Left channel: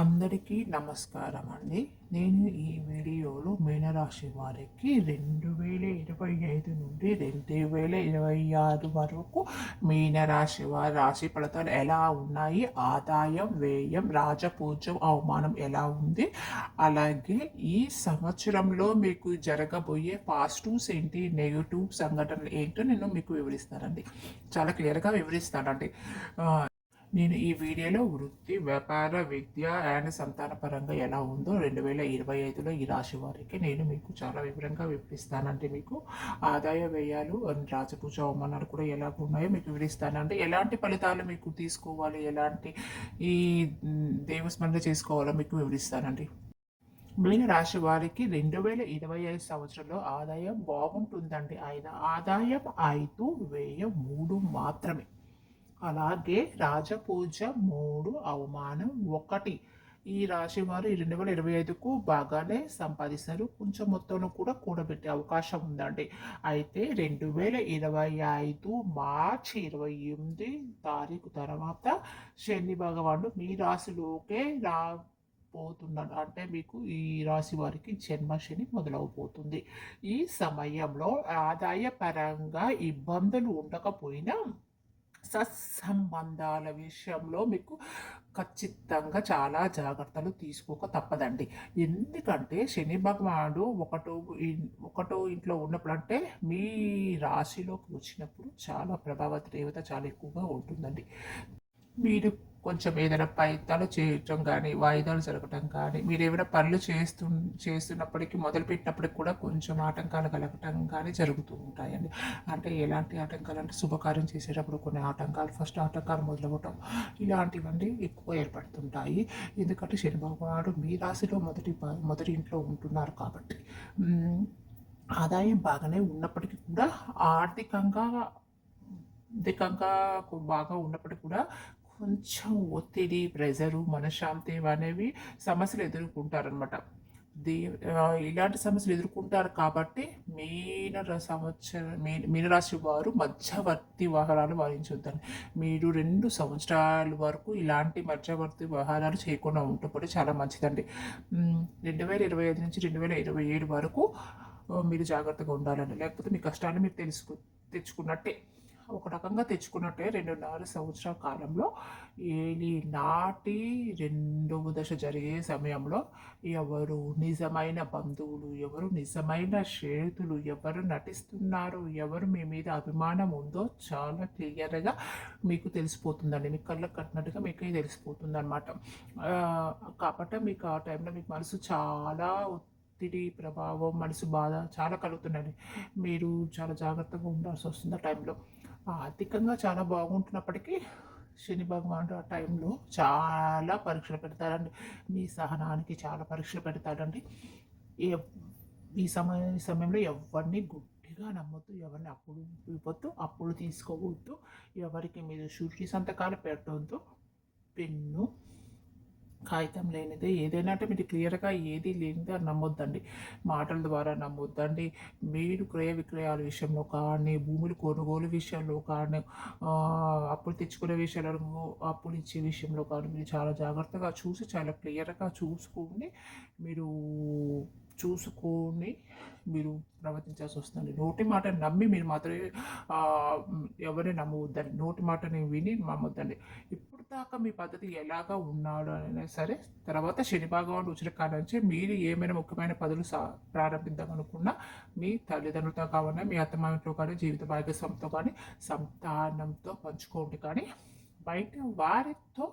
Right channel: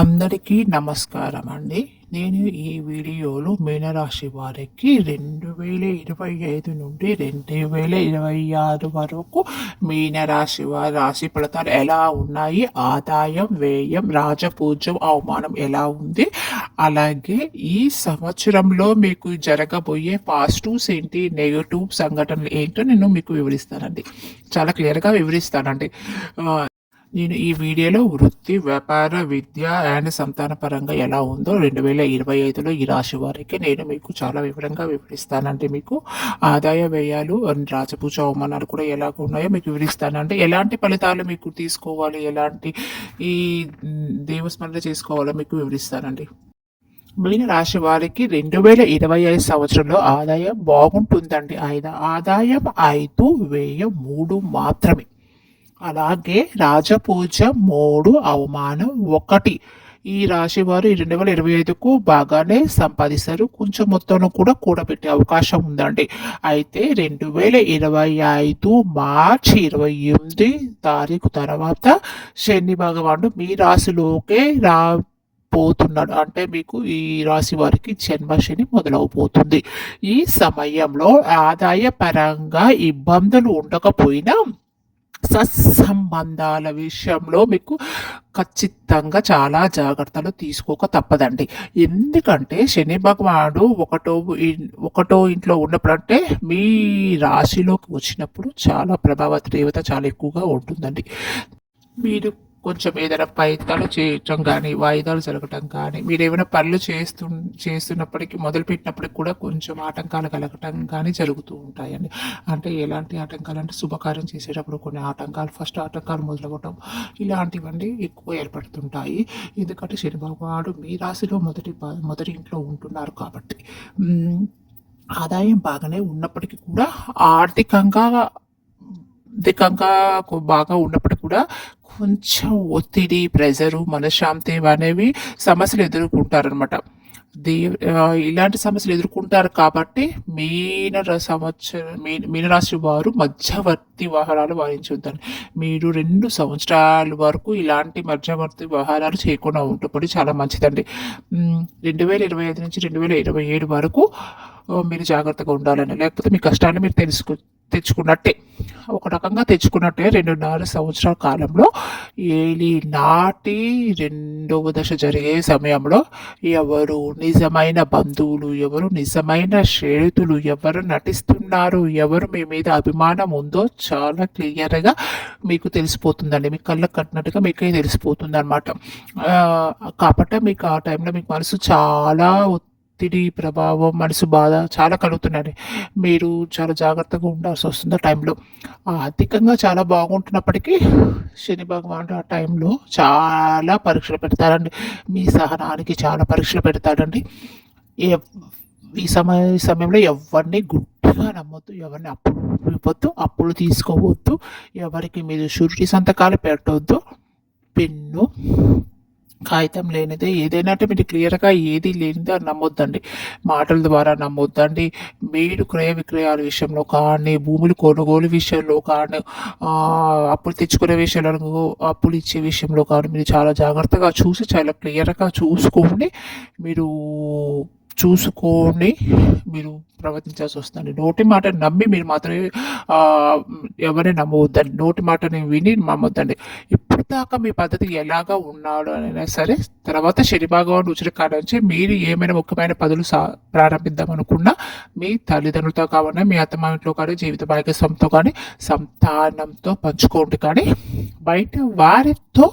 అందరికీ నమస్కారం అండి నేను ఈ వీడియోలో మీనరాశి వారికి రెండు వేల ఇరవై ఐదు నుండి రెండు వేల ఇరవై ఆరు వరకు మీనరాశి వారి రాశి ఫలితాలు ఎలా ఉన్నాయి? ఆదాయం వ్యయం రాజపూజ్యం అవమానం ఎలా ఉంది? అలాగే ఈ సంవత్సరంలో మీకు జరగబోయే పాజిటివ్స్ ఏంటి నెగటివ్ సంఘటనలు ఏంటో నేను మీకు వివరిస్తానండి. చాలా క్లియర్గా వివరిస్తానండి. నేను ఈ వీడియోలో వృత్తి వ్యాపార విద్య అండ్ సంతాన పరంగా ఎలా ఉందో రెండు వేల ఇరవై ఐదులో ఈ రాశి వారికి నేను మీకు చాలా వివరంగా వివరిస్తానండి. మీకు ఆదాయ వ్యయాలు అండ్ రాజపూజ అవమానాలు కూడా ఎలాగ ఉన్నాయో మీకు వివరిస్తానండి. ఎలాంటి ఫలితాలు మీకు తీసుకోవాలి? ఎలాంటి ఈ దేవస్మరణ చేసుకోవాలో మీకు వివరిస్తానండి. మీన రాశి వారికి రెండు వేల ఇరవై ఐదు సంవత్సరంలో ఆదాయం బాగుంటుందండి. ఐదు ఆదాయం ఐదు వ్యయం మూడు మాత్రమే. అలాగే రాజపూజ మూడు అవమానం ఒకటి. ఈ రాశి వారు రెండు వేల ఇరవై ఐదుకు బాగానే సంపాదిస్తారు. కొంచెం మొత్తంలో కూడా కూడబెట్టే అవకాశం ఉందండి. అయితే రెండు వేల ఇరవై ఐదు మార్చి ఇరవై ఎనిమిది తారీఖు తర్వాత శని భగవానుడు మీ రాశిలోకే రా పోతున్నాడు అంటే మీకు ఈ రాశి వారికి జన్మశని మొదలవబోతుంది. ఈ సమయంలో ఆదాయ పరంగా ఇబ్బందులు ఉండకపోయినా సత్సంబంధాల విషయంలో మీకు ఖచ్చితంగా చాలా జాగ్రత్తలు తీసుకోక తప్పదండి. ఎందుకంటే శని భగవానుడు ఒకటో ఒకటో ఇంట్లో ఉన్నప్పుడు అంటే మీ రాశిలోకి వచ్చినప్పుడు చాలా ప్రభావ తీవ్రత చాలా ఎక్కువగా ఉంటుందండి. మీరు కొంచెం ఏదైనా ప్రయత్నాలు చేయటం కానీ వాయిదాలు జరగటం కానీ మీరు ఏమైనా పనులు చేస్తు చేస్తున్నప్పటికీ మొదలు పెట్టినప్పటికి కూడా కొంచెం ఆటంకాలు కలగటం కానీ జరుగుతూ ఉంటాయండి. అంటే ఎలాంటి ఆటంకాలు అంటే శుభకార్యం చేసేటప్పుడు కొన్ని ఆటంకాలు ఫస్ట్ ఆటంకాలు మొదలవ్వటం ఇలాంటివన్నీ ఎక్కువ ఏర్పడుతుంటాయి. ఎందుకంటే శని భగవానుడు మీ రాశిలో మొదటి మొదటి ఇంట్లో ఉంటున్నారు కాబట్టి. ఆదాయం బాగానే ఉన్నప్పటికీ కూడా ఆర్థికంగా ఆర్థికంగా బాగా ఉన్నప్పటికీ కూడా కొంచెం ఒత్తిడి ప్రెజరు మనశ్శాంతి అనేవి సమస్యలు ఎదుర్కొంటారనమాట దే ఇలాంటి సమస్యలు ఎదుర్కొంటారు కాబట్టి మీన సంవత్సరం మీ మీనరాశి వారు మధ్యవర్తి వ్యవహారాలు వారించొద్దండి. మీరు రెండు సంవత్సరాల వరకు ఇలాంటి మధ్యవర్తి వ్యవహారాలు చేయకుండా ఉంటప్పుడు చాలా మంచిదండి. రెండు వేల ఇరవై ఐదు నుంచి రెండు వేల ఇరవై ఏడు వరకు మీరు జాగ్రత్తగా ఉండాలని లేకపోతే మీ కష్టాన్ని మీరు తెలుసుకు తెచ్చుకున్నట్టే. ఒక రకంగా తెచ్చుకున్నట్టే రెండున్నర సంవత్సరాల కాలంలో ఏలి నాటి రెండవ దశ జరిగే సమయంలో ఎవరు నిజమైన బంధువులు ఎవరు నిజమైన స్నేహితులు ఎవరు నటిస్తున్నారు ఎవరు మీ మీద అభిమానం ఉందో చాలా క్లియర్గా మీకు తెలిసిపోతుందండి. మీ కళ్ళకు కట్టినట్టుగా మీకే తెలిసిపోతుంది అనమాట కాబట్టి మీకు ఆ టైంలో మీకు మనసు చాలా ఒత్తిడి ప్రభావం మనసు బాధ చాలా కలుగుతున్నాయి మీరు చాలా జాగ్రత్తగా ఉండాల్సి వస్తుంది ఆ టైంలో. ఆర్థికంగా చాలా బాగుంటున్నప్పటికీ శని భగవానుడు ఆ టైంలో చాలా పరీక్షలు పెడతారండి. మీ సహనానికి చాలా పరీక్షలు పెడతాడండి. ఈ సమయ సమయంలో ఎవరిని గుడ్డిగా నమ్మొద్దు ఎవరిని అప్పులు ఇవ్వద్దు అప్పులు తీసుకోవద్దు ఎవరికి మీరు షూరిటీ సంతకాలు పెట్టవద్దు పెన్ను కాగితం లేనిదే ఏదైనా అంటే మీరు క్లియర్గా ఏది లేనిదే నమ్మొద్దండి. మాటల ద్వారా నమ్మొద్దండి. మీరు క్రయ విక్రయాల విషయంలో కానీ భూములు కొనుగోలు విషయంలో కానీ అప్పులు తెచ్చుకునే విషయంలో అప్పులు ఇచ్చే విషయంలో కానీ మీరు చాలా జాగ్రత్తగా చూసి చాలా క్లియర్గా చూసుకోండి మీరు చూసుకొని మీరు ప్రవర్తించాల్సి వస్తుంది నోటి మాట నమ్మి మీరు మాత్రమే ఎవరిని నమ్మవద్దండి. నోటి మాటని విని నమ్మొద్దండి. ఇప్పటిదాకా దాకా మీ పద్ధతి ఎలాగా ఉన్నాడు అయినా సరే తర్వాత శని భగవాన్ రుచుల కాడ నుంచి మీరు ఏమైనా ముఖ్యమైన పదులు సా ప్రారంభిద్దాం అనుకున్నా మీ తల్లిదండ్రులతో కావాలన్నా మీ అత్తమామిట్లో కానీ జీవిత భాగస్వామితో కానీ సంతానంతో పంచుకోండి కానీ బయట వారితో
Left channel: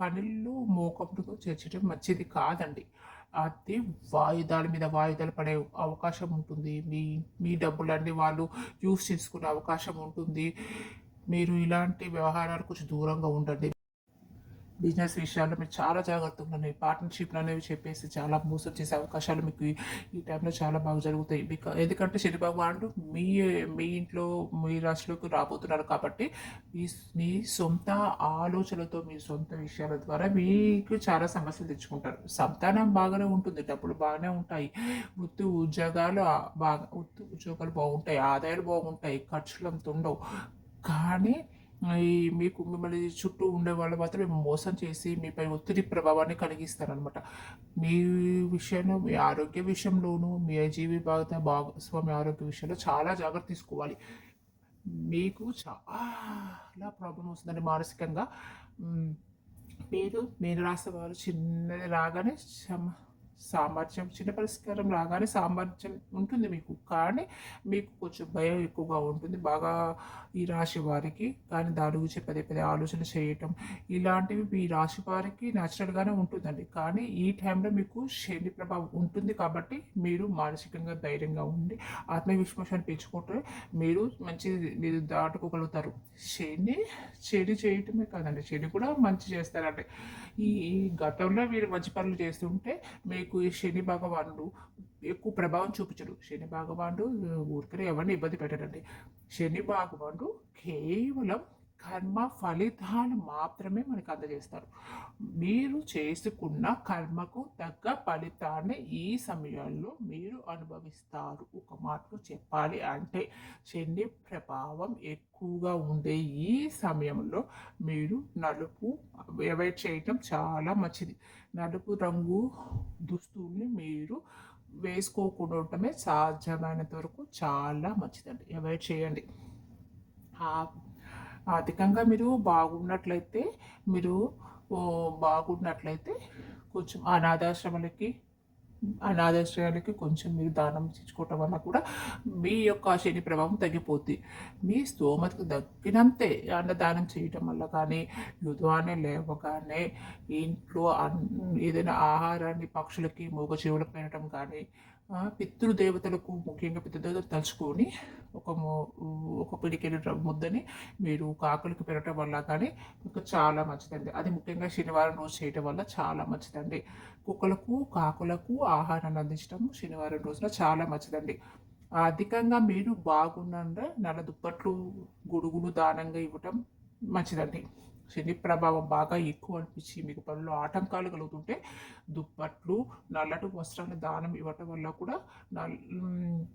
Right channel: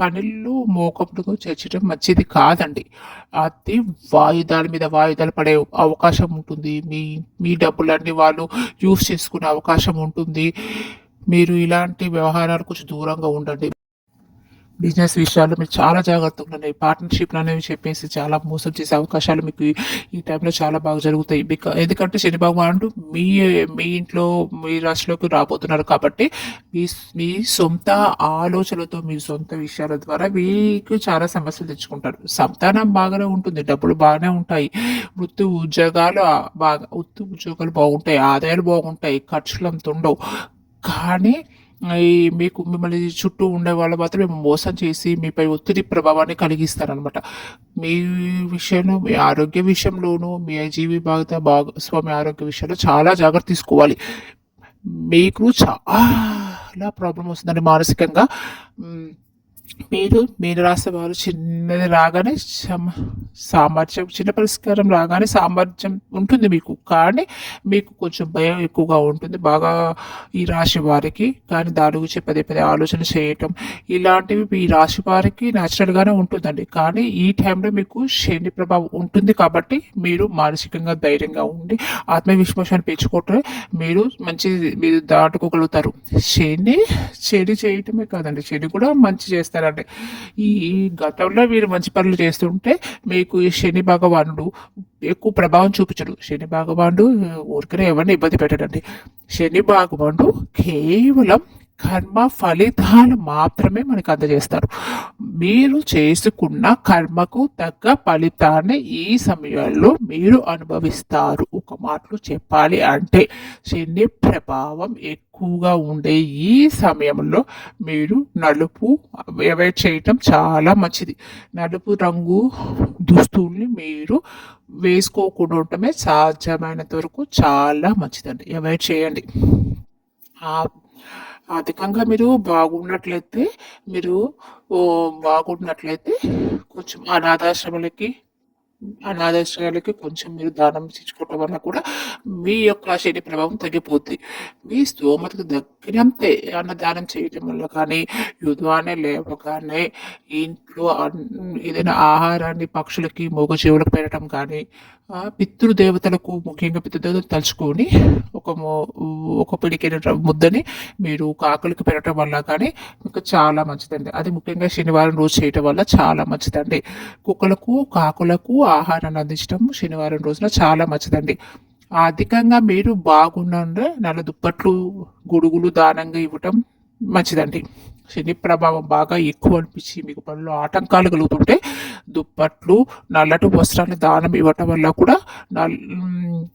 పనులు మోకపుడుగా చేర్చడం మంచిది కాదండి. అది వాయిదాల మీద వాయిదాలు పడే అవకాశం ఉంటుంది. మీ మీ డబ్బులన్నీ వాళ్ళు యూస్ చేసుకునే అవకాశం ఉంటుంది. మీరు ఇలాంటి వ్యవహారాలు కొంచెం దూరంగా ఉండండి. బిజినెస్ విషయాల్లో మీరు చాలా జాగ్రత్తగా ఉండండి. పార్ట్నర్షిప్లు అనేవి చెప్పేసి చాలా మోసం చేసే అవకాశాలు మీకు ఈ- టైంలో చాలా బాగా జరుగుతాయి. బికా ఎందుకంటే శని భగవానుడు మీ మీ ఇంట్లో మీ రాశిలోకి రాబోతున్నారు కాబట్టి మీ మీ సొంత ఆలోచనలతో మీ సొంత విషయాల ద్వారా మీకు చాలా సమస్యలు తెచ్చుకుంటారు. సంతానం బాగానే ఉంటుంది డబ్బులు బాగానే ఉంటాయి. వృత్తి ఉద్యోగాలు బాగా వృత్తి ఉద్యోగాలు బాగుంటాయి ఆదాయాలు బాగుంటాయి ఖర్చులు అంత ఉండవు. కానీ ఈ మీకు మిమ్మల్ని చుట్టూ ఉండే వాళ్ళు మాత్రం మేము మోసం చేసి మీపై ఒత్తిడి ప్రభావాన్ని కలిగిస్తారనమాట మీ విషయంలో మీ ఆరోగ్య విషయంలోనూ మీ జీవి భాగత భాగస్వామి ఆరోగ్య విషయంలో చాలా జాగ్రత్త తీసుకోవాలి. మీకు చాలా ప్రాబ్లం వస్తుందండి మానసికంగా. మీరు మీరు రాసే వారు చిన్నది రాగానే సామర్థ్యం చిన్న పరిష్కారం రాగానే సామర్థ్యం ఉంటుంది మీకు. కానీ మీకు కొంచెం భయం ఎక్కువగా ఉంటుంది. బాగా ఈ రాశి వారికి కానీ దాని గురించి పదే పదే ఆలోచన చేయటం ఇలాంటివి ఈ రాశి వారికి న్యాచురల్గానే ఉంటుందండి. కానీ ఈ టైంలో మీకు శని ప్రభావం ఉంటుంది కాబట్టి మీరు మానసికంగా ధైర్యంగా ఉండి ఆత్మవిశ్వాసాన్ని పెంచుకుంటే మీరు మంచి మీరు దాటుకోగలుగుతారు. శని చెడు చేయటమే కాదండి. చెడు కూడా మంచి చేస్తారు ఈ ఈ గతంలో మీరు మంచి పనులు చేస్తుంటే మీకు ఈ శని భగవానుడు ఎక్కువ ప్రభావం చూపించడు. శని భగవానుడు ఊరికనే ఎవరిని ఇబ్బంది పెట్టడండి. శని భగవానుడు కేవలం కర్మ ఫలితాలు మాత్రమే మనకు అందజేస్తారు. మీరు చేసుకున్న కర్మకు తగ్గ ఫలితాన్ని ఈ సమయంలో మీరు అనుభవిస్తారు. ఒక మాటలు చెప్పాలి అంటే శని ప్రభావం ఎక్కువగా ఉండే ఈ సమయంలో మీరు నలుపు అవాయిడ్ చేయటం చాలా మంచిది. నలుపు రంగు దుస్తుల్ని మీరు వేసుకోకుండా ఉండటమే సాధ్యమైనంత వరకు చాలా మంచిదండి. అవాయిడ్ చేయండి. అధికంగా మీరు బాగున్నట్లయితే మీరు బాగున్నట్లయితే కొంచెం అనాథాశ్రమాలకి అనాథాశ్రయాలకి కొంచెం మీరు దానం ఇచ్చుకోవటం వల్ల కూడా మీ యొక్క శని ప్రభావం తగ్గిపోతుంది మీ స్తోమతకు తగ్గినంతే అన్నదానం చేయటం వల్ల కానీ యుద్ధాన్ని లేవగానే ఇంట్లో అన్- ఏదైనా ఆహారాన్ని పక్షులకి మూగజీవులకు పెట్టడం కానీ పితృదేవతలకు ముఖ్యంగా పితృదేవతలు తలుచుకొని ఒక ఒక పిడికిన ముద్దని మీరు కాకులకి పెట్టడం వల్ల కానీ మీకు చాలా మంచిదండి. అది ముఖ్యంగా శనివారం రోజు చేయటం వల్ల చాలా మంచిదండి. కుక్కలకు కాకులకు ఆహారాన్ని అందించడం శనివారం రోజున చాలా మంచిదండి. అధికంగా మీరు బాగుండే నల్ల దుప్పట్లు గొడుగులు దానంగా ఇవ్వటం మంచిదండి. శని ప్రభావం బాగా ఎక్కువ అనిపించి మీకు పనులు ఆటంకాలు కలుగుతుంటే దుప్పట్లు నల్లటి వస్త్రాన్ని దానం ఇవ్వటం వల్ల కూడా నల్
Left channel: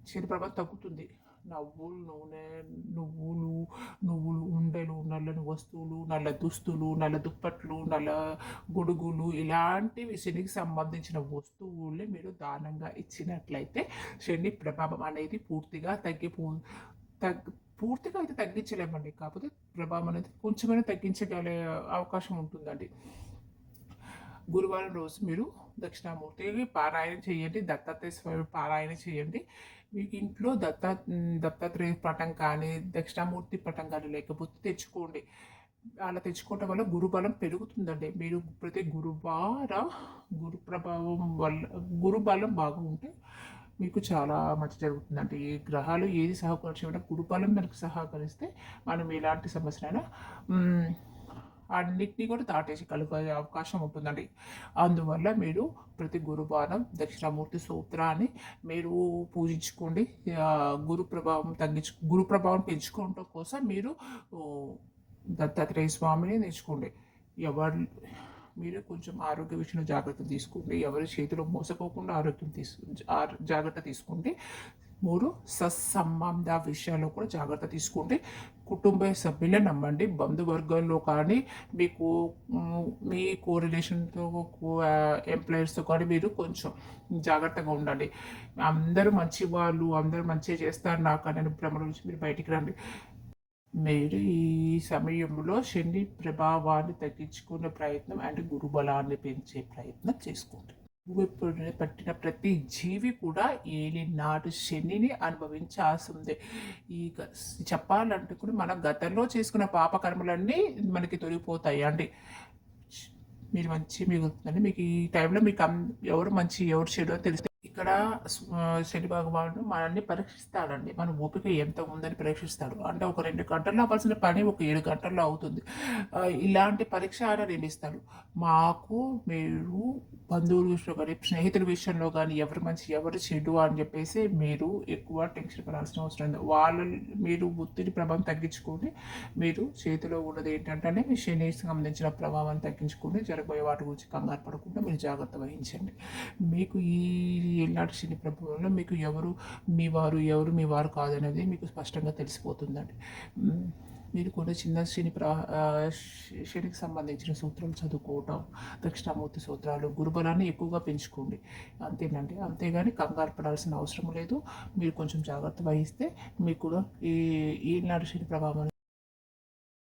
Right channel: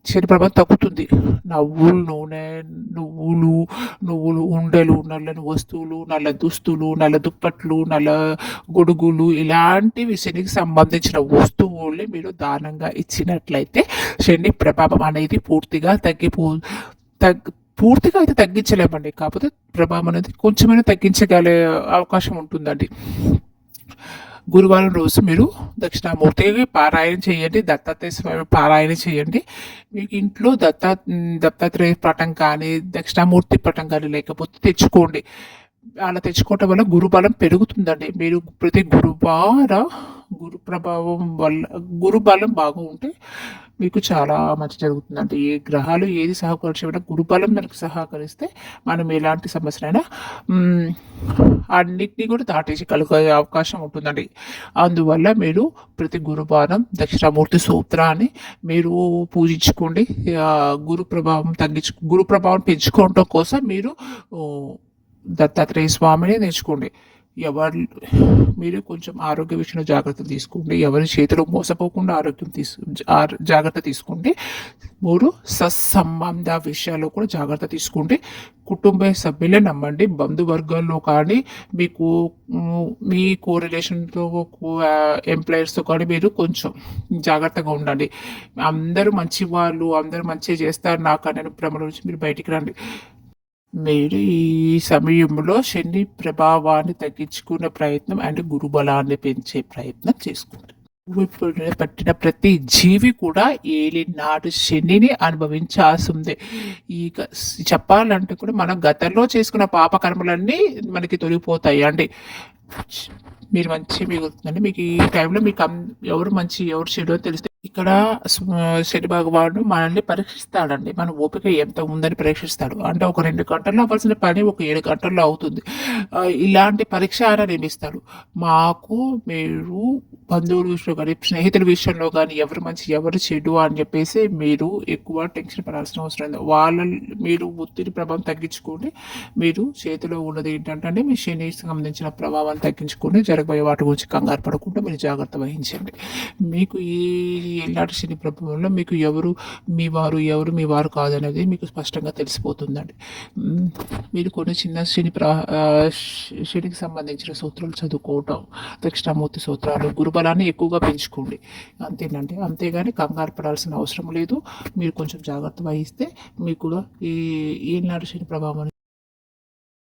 శని ప్రభావం తగ్గుతుంది. నవ్వులు నూనె నువ్వులు నువ్వులు ఉండలు నల్లని వస్తువులు నల్ల దుస్తులు నల్ల దుప్పట్లు నల్ల గొడుగులు ఇలాంటివి శనికి సంబంధించిన వస్తువుల్ని మీరు దానంగా ఇచ్చినట్లయితే శని ప్రభావం అనేది పూర్తిగా తగ్గిపో తగ్గి పూర్తిగా అయితే తగ్గించలేమండి. కాకపోతే ప్రభావం అనేది కొంచెమైనా తగ్గించగలే అవకాశం ఉంటుందండి. గురువారం రోజు మీరు దక్షిణామూర్తికి పారాయణ చేయండి. దత్తాత్రేయ స్వామి పారాయణ చేయండి. మీకు ఇంట్లో దత్తా దత్తాత్రేయ పటం కానీ దక్షిణామూర్తి పటం కానీ లేకపోతే తెచ్చుకోండి. అలా తెచ్చుకోవటం వల్ల గురుబలం పెరుగుతుందండి. మీరు ప్రతి గురువార గురు ప్రభావం వల్ల గురుబలం బాగా ఉంటే మీకు చాలా మంచి జరుగుతుందండి. ఏ గ్రహాలు ఏది సహకరించడం గురుబలం మనకు సహకరిస్తే మనం ఎలాంటి సమస్యనైనా అన్నిటినీ కూడా దాటేయగలిగే అవకాశం ఉంటుందండి. అందువల్ల మీరు ప్రతి గురువారం దక్షిణామూర్తి సూత్రాన్ని మీరు పూజించుకోండి. గురు ప్రభావం తగ్గించు గురు ప్రభావం పెంచుకోవడం కోసం మీరు దత్తాత్రేయ స్వామిని నేర్చుకోండి. ఎవరి మీరు కొంచెం ఆరోగ్య విషయంలో జాగ్రత్త తీసుకోండి. ఎవరి చేతిలో మోసపోకుండా ఆరోగ్యం తీసు జాగ్రత్త తీసుకోండి. మూడు సత్సంబంధ విషయాల్లో కూడా జాగ్రత్త తీసుకోండి. కుటుంబ సభ్యులే నమ్మండి. బంధువర్గాల్లో కానీ మీకు మీ కోరిలేషన్తో ఎంప్లాయర్స్తో కానీ మీరు కొంచెం జాగ్రత్తగా ఉండండి. అందరూ మంచి వాళ్ళు అందరూ మంచిగా చేస్తారు. నాకు అనే భ్రమల నుంచి మీరు బయటికి రండి. మీరు ఈ సమయంలో శని ప్రభావాన్ని తగ్గించుకునే ప్రయత్నం అండ్ గురుబలాన్ని పెంచే ప్రయత్నం చేసుకుంటారు పట్టిన ప్రతి జీవి కూడా ఏలినాడు శనిని అనుభవించాల్సి ఉంది. ఈ చెప్పాలంటే కూడా మనం గతంలో చేసుకున్న పాపకర్మలన్నీ మనకి తొలగిపోతాయి అండి. మీరు మంచి మిగులుతుందండి. మీకు ఈ టైంలో మీకు ఎవరు మంచి ఎవరు చెడో తెలిస్తే ఇక్కడ స్వ- శని భగవానుడు మనల్ని పరీక్షిస్తాడండి. మన ఓపిక ఎంత ఉందని పరీక్షిస్తాడు. అంటే ఒక రెండు గంటల్లో అవ్వాల్సిన పని ఒక ఏడు గంటల్లో అవుతుంది. ఇలాంటి పరీక్ష ఆయన నియమిస్తాడు మాకు మీరు బంధువుల విషయంలో కానీ స్నేహితుల విషయంలో కానీ ఎవరు మంచి ఎవరు చెడు అని చెప్పేసి మీరు ఎక్కువ టెన్షన్ పడాల్సిన అవసరం లేదు. వాళ్ళ మీరు ఒత్తిడి ప్రభావం తగ్గించుకొని మీరు చేతిలో ఉన్నది ఏంటంటే మీ శని సంబంధించిన ప్రభావాన్ని తగ్గించుకొని జరగబోయే వాటి గురించి కంగారు పడకుండా మీరు జాగ్రత్త వహించండి. మీకు ఈ ఎలాంటి శని ప్రభావంలో మీకు ఎవరు మీ వారు ఎవరు మీ వారు కాదనేది మీకు స్పష్టంగా తెలిసిపోతుందండి. మీరు కొన్ని చిన్న శని ప్రా శ- శనికి సంబంధించిన సూత్రాలు చదువుకోవటం దక్షిణామూర్తి సూత్రాలు గురుబలాన్ని ఎక్కువగా పెంచుకోండి. అంతేనండి. అంతేగాని కంగారు పడాల్సిన అవసరం లేదు. మీరు కొంచెం జాగ్రత్త వహిస్తే మీకు కూడా ఈ ఈనాడు శని ప్రభావం